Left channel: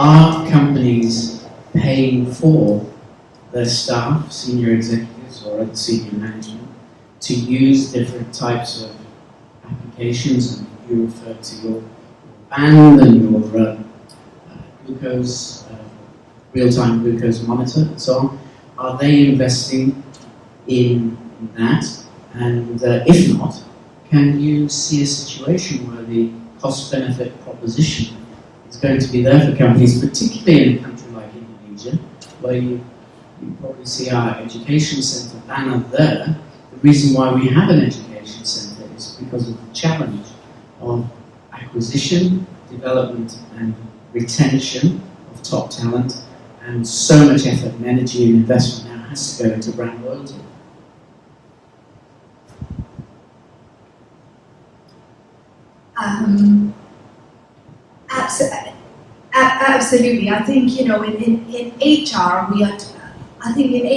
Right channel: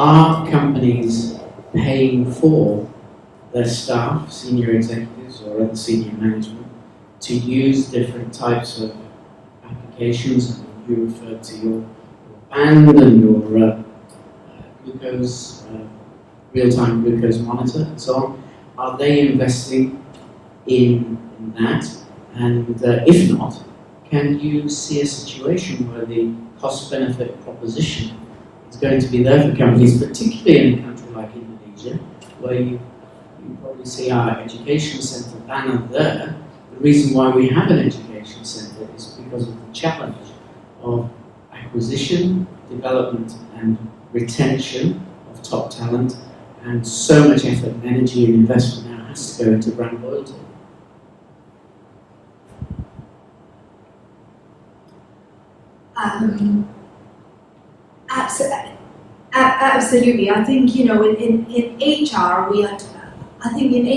are companies paying for their staff, senior executives or other senior management, to use different types of applications? And you referred to your band and your glucose, real-time glucose monitor and so on. Are they investing in that? And if not, can you see a situation where the cost-benefit proposition is going to be there for companies, particularly in a country like Indonesia, where you probably see our education centre banner there. The reason why we have an education centre is because of the challenge of acquisition, development and retention of top talent, and so much effort and energy and investment now has to go into brand loyalty. Absolutely. I think, in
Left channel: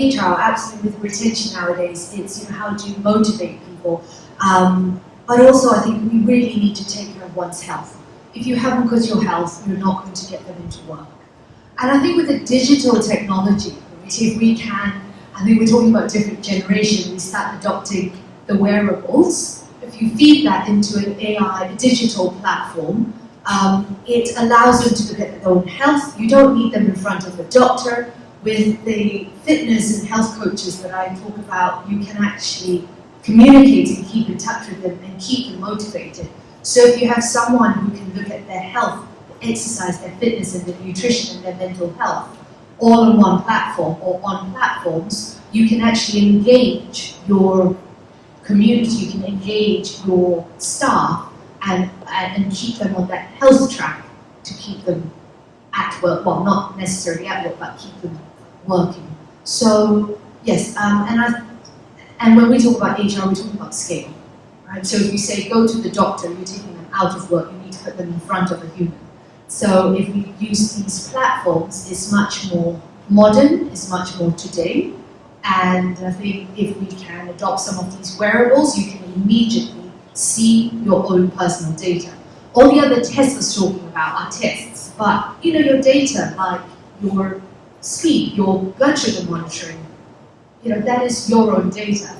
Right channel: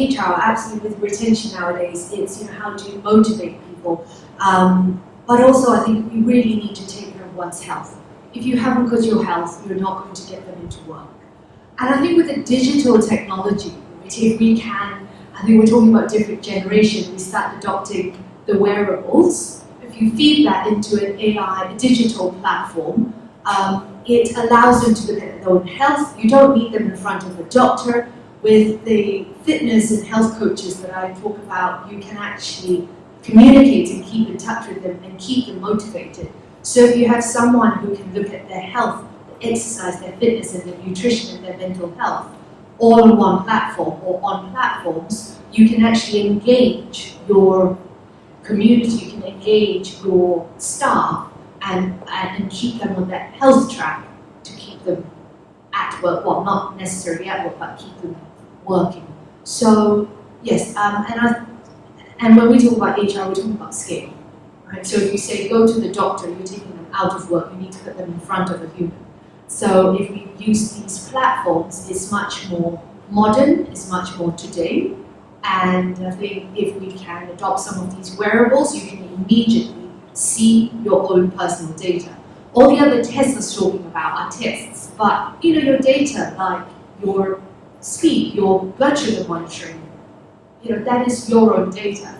HR, absolutely with retention nowadays, it's, how do you motivate people? But also I think we really need to take care of one's health. If you haven't got your health, you're not going to get them into work. And I think with the digital technology, if we can, I think we're talking about different generations, we start adopting the wearables. If you feed that into an AI, a digital platform, it allows them to look at their own health. You don't need them in front of a doctor. With the fitness and health coaches that I talk about, you can actually communicate and keep in touch with them and keep them motivated. So if you have someone who can look at their health, their exercise, their fitness and their nutrition and their mental health, all on one platform or on platforms, you can actually engage your community, you can engage your staff and keep them on that health track to keep them at work, well, not necessarily at work, but keep them working. So, yes, and when we talk about HR, we're talking about scale, right? So if you say go to the doctor, you're taking them out of work, you need to put them in front of a human. So if we use these platforms, it's much more modern, it's much more today, and I think if we can adopt some of these wearables, you can immediately see your own personal data. All the other tests it's talking about are tests, but your data, like your sleep, your blood sugar monitoring, that is your own data.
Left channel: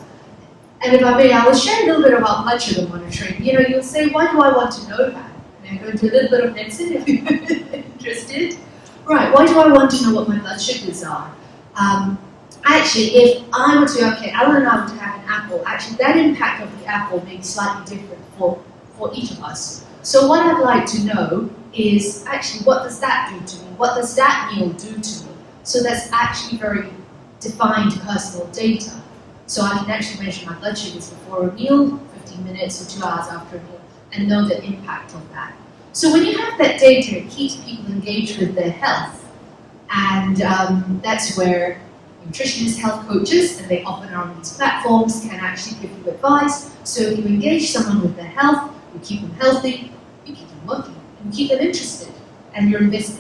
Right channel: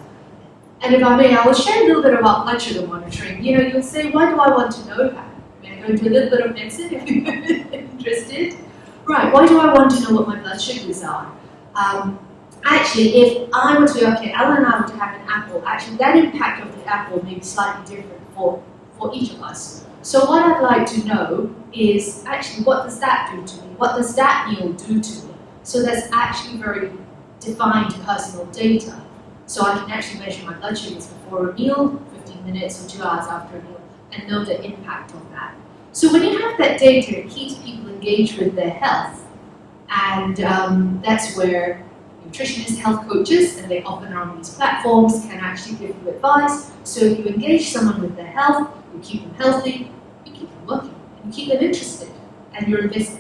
And if I may, I will share a little bit about blood sugar monitoring. You'll say, why do I want to know that? May I go into a little bit of medicine if you're interested? Right, why do I want to know what my blood sugars are? Actually, if I were to, I want to know how to have an apple. Actually, that impact of the apple may be slightly different for each of us. So what I'd like to know is actually what does that do to me? What does that meal do to me? So that's actually very defined personal data. So I can actually measure my blood sugars before a meal, 15 minutes or 2 hours after a meal, and know the impact of that. So when you have that data, it keeps people engaged with their health. And that's where nutritionists, health coaches, and they often are on these platforms, can actually give you advice. So if you engage someone with their health, you keep them healthy, you keep them working, and you keep them interested, and you're invested.